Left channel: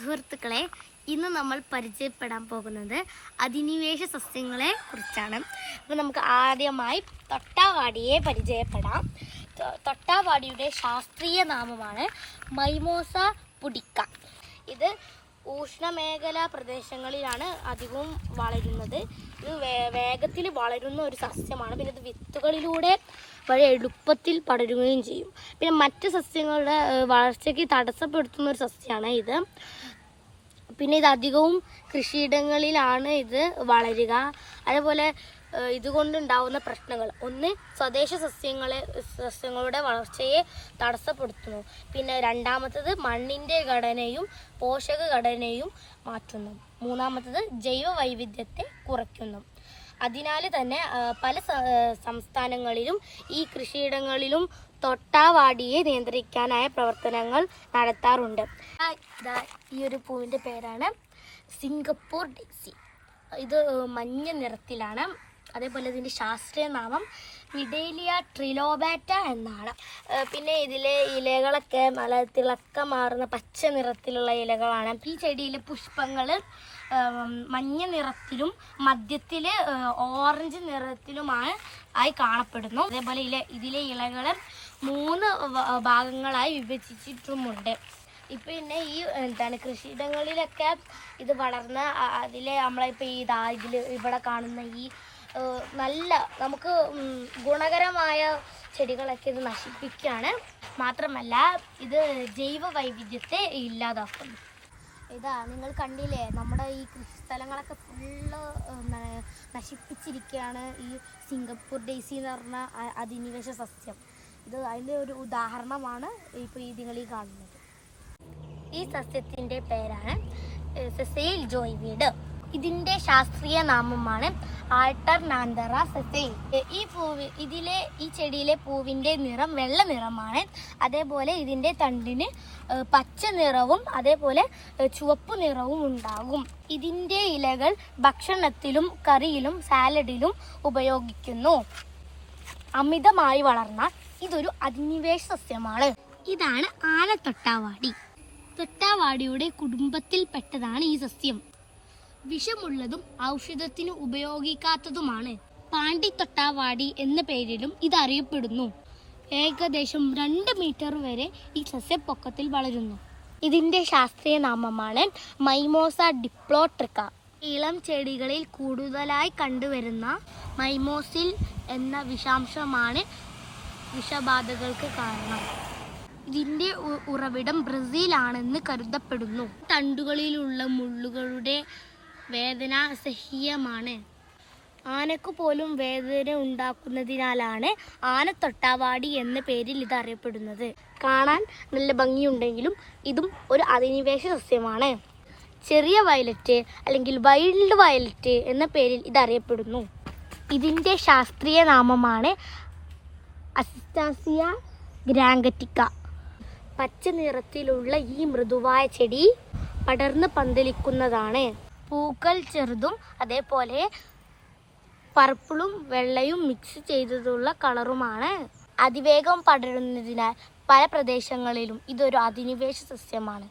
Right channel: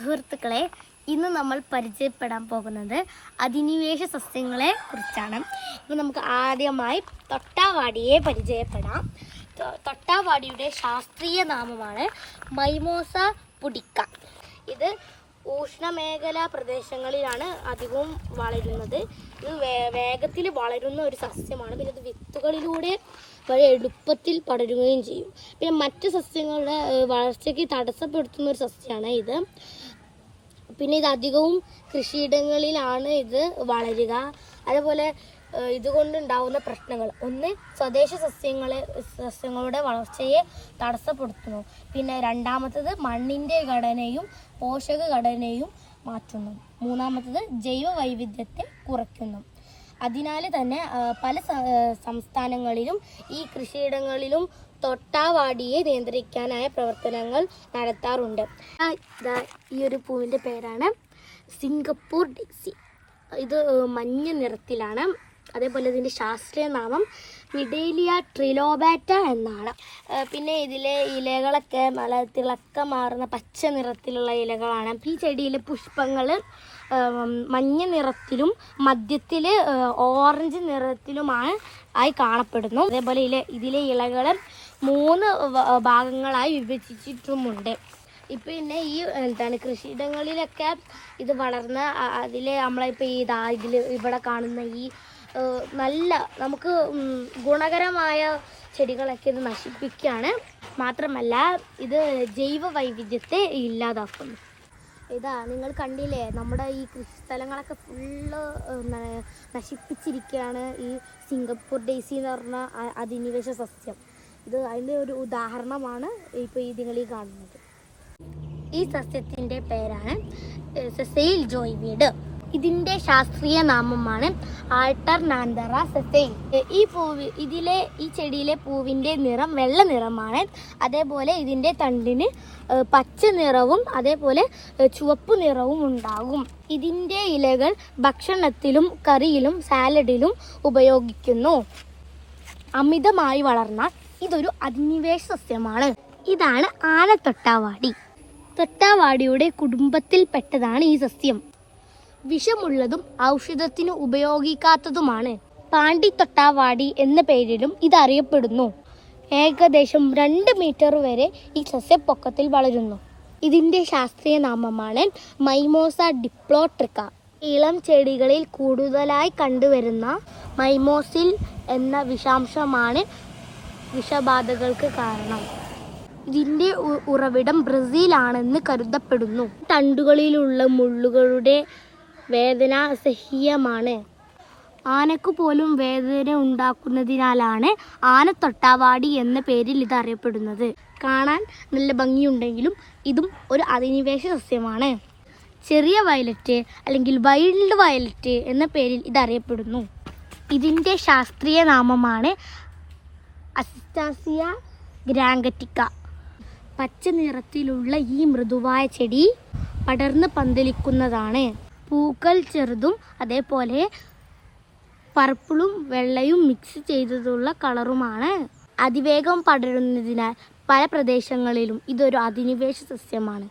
സുഹൃത്തുക്കളെ, ഇന്ന് നമ്മൾ പരിചയപ്പെടാൻ പോകുന്നത് അധിനിവേശ സസ്യങ്ങളെ കുറിച്ചാണ്. അപ്പോൾ നമുക്ക് ആദ്യമായി തൊട്ടാവാടിയെ പരിചയപ്പെടാം. തൊട്ടാവാടിയുടെ ശാസ്ത്രീയ നാമമാണ് മൈമോസ പുഡിക്ക. ഇത് ഉഷ്ണമേഖലാ പ്രദേശങ്ങളിലാണ് അധികവും വളരുന്നത്. ഇത് വേഗത്തിൽ വളരുന്ന ഒരു സസ്യമാണ്. പിന്നെ ഇത് വിത്തുകളിലൂടെ വളരെ എളുപ്പത്തിൽ പടരുകയും ചെയ്യും. പിന്നെ മറ്റ് സസ്യങ്ങളുടെ വളർച്ചയ്ക്ക് തടസ്സപ്പെടുത്തുന്ന ഒരു സസ്യമാണ് ഇത്. പിന്നെ ഇത് അധികവും കൃഷിയിടങ്ങളിലാണ് ഇത് വളരുക. അതേപോലെ ഇതുകൊണ്ടുണ്ടാവുന്ന പ്രശ്നങ്ങൾ: ഒന്ന്, സ്വദേശ സസ്യങ്ങളുടെ വളർച്ചയെ തടസ്സപ്പെടുത്തുന്നു. പിന്നെ രണ്ടാമത്തത്, മണ്ണിൻ്റെ ഘടനയും പോഷക ഘടനയും മാറ്റുന്നു. മൂന്നാമത്തത്, ജൈവ വൈവിധ്യത്തെ കുറയ്ക്കുന്നു. അതിനാൽ തന്നെ പല സംസ്ഥാനങ്ങളിലും ഈ കൃഷിയിടങ്ങളിലും തൊട്ടാവാടിയെ നിയന്ത്രിക്കാനായ പ്രവർത്തനങ്ങൾ നടത്താറുണ്ട്. ഈ ഒരു പൂവിൻ്റെ പേരാണ് സിംഗപ്പൂർ ഡെയ്സി. ഇത് മഞ്ഞ നിറത്തിലാണ്. അതേപോലെ ഇതിൻ്റെ ശാസ്ത്രീയ നാമം വിഡേലിയ ട്രിലോബാറ്റ എന്നാണ്. പിന്നെ ഇതിലെ ഇലകളൊക്കെ നല്ല തിളക്കമാർന്ന പച്ച നിറത്തിലുള്ള ഇലകളാണ്. ഈ ചെടിയിലെ പുഷ്പങ്ങൾ മഞ്ഞ നിറത്തിലും മധ്യത്തിൽ ഓറഞ്ച് നിറത്തിലുമാണ് ആയി കാണപ്പെടുന്നു. അതേപോലെ ഇതിലെ ഇലകൾ 3 ഭാഗങ്ങളായി വിഭജിച്ചിട്ടുമുണ്ട്. ഇപ്പം പിന്നെ ഈ കൃഷിയിടങ്ങളിലൊക്കെ ഇത് വളർന്ന് അതിലെ നമ്മളിപ്പോൾ ഇവിടെ കാണുന്ന ഈ നല്ല നമുക്ക് ഗുണകരമായ ചെടികളൊക്കെ ഇത് നശിപ്പിക്കുകയാണ്. മാത്രമല്ല ഇത് ജൈവ വൈവിധ്യത്തെ ഇല്ലാതാക്കുന്നു. നിങ്ങൾ കണ്ടില്ലേ, നമ്മുടെ ഈ കൃഷിസ്ഥലങ്ങളൊക്കെ ഫുള്ള് നശിപ്പിച്ചിരിക്കുകയാണ് ഈ സിംഗപ്പൂർ ഡെയ്സി എന്ന് പറഞ്ഞ അധിനിവേശ സസ്യം. ഇത് അതിൻ്റെ ഒരു ഉദാഹരണമാണ് ഇപ്പോൾ നിങ്ങൾ ഈ കാണുന്നത്. ഈ സസ്യത്തിൻ്റെ പേരാണ് സെസൈൽ ജോയ്വീഡ്. ഇതിൻ്റെ ശാസ്ത്രീയ നാമമാണ് ആൾട്ടർനാന്തറ സെസൈൽ. ഈ ചെടിയിലെ പൂവിൻ്റെ നിറം വെള്ള നിറമാണ്. അതേപോലെ ഇതിൻ്റെ തണ്ടിന് പച്ച നിറവും അതേപോലെ ചുവപ്പ് നിറവും ഉണ്ടാകും. ഇതിൻ്റെ ഇലകൾ ഭക്ഷണത്തിലും കറിയിലും സാലഡിലും ഉപയോഗിക്കുന്നു. അമിതമായി വളർന്ന ഇതൊരു അധിനിവേശ സസ്യമാണ്. ഇതാണ് ആനത്തൊട്ടാവാടി. തൊട്ടാവാടിയുടെ കുടുംബത്തിൽപ്പെട്ടതാണ് ഈ സസ്യം. വിഷമുള്ളതും ഔഷധത്തിന് ഉപയോഗിക്കാത്തതുമാണ്. പാണ്ടിത്തൊട്ടാവാടി എന്ന പേരിലും ഇതറിയപ്പെടുന്നു. ഏകദേശം 2 മീറ്റർ വരെ ഈ സസ്യപ്പൊക്കത്തിൽ വളരുന്നു. ഇതിൻ്റെ ശാസ്ത്രീയ നാമമാണ് മൈമോസ ഡിപ്ലോട്രിക്ക. ഇളം ചെടികളിൽ കൂടുതലായി കണ്ടുവരുന്ന മൈമോസിൽ എന്ന വിഷാംശമാണ് വിഷബാധകൾക്ക് കാരണം. ഇതിൻ്റെ ഉറവിടം ബ്രസീലാണെന്ന് കരുതപ്പെടുന്നു. തണ്ടുകളിലുള്ള മുള്ളുകളുടെ വേദന അസഹ്യമാണ്. ആനക്ക് പോലും വേദന ഉണ്ടാക്കുന്നതിനാലാണ് ആനത്തൊട്ടാവാടി എന്ന പേരിൽ ഇത് അറിയപ്പെടുന്നത്. കാണാൻ നല്ല ഭംഗിയുണ്ടെങ്കിലും ഇതും ഒരു അധിനിവേശ സസ്യമാണ്. ചെറിയ വയലറ്റ് അല്ലെങ്കിൽ വൈൽഡ് വയലറ്റ് എന്ന പേരിൽ ഇത് അറിയപ്പെടുന്നു. ഇതിൻ്റെ ശാസ്ത്രീയ നാമമാണ് അസിസ്റ്റാസിയ ഗ്രാങ്കറ്റിക്ക. പച്ച നിറത്തിലുള്ള ഈ മൃദുവായ ചെടി പടർന്ന് പന്തലിക്കുന്നതാണ്. പൂക്കൾ ചെറുതും അതേപോലെ പർപ്പിളും വെള്ളയും മിക്സ് ചെയ്തിട്ടുള്ള കളറുമാണ്. അതിവേഗം പടരുന്നതിനാൽ പല പ്രദേശങ്ങളിലും ഇതൊരു അധിനിവേശ സസ്യമാണ്.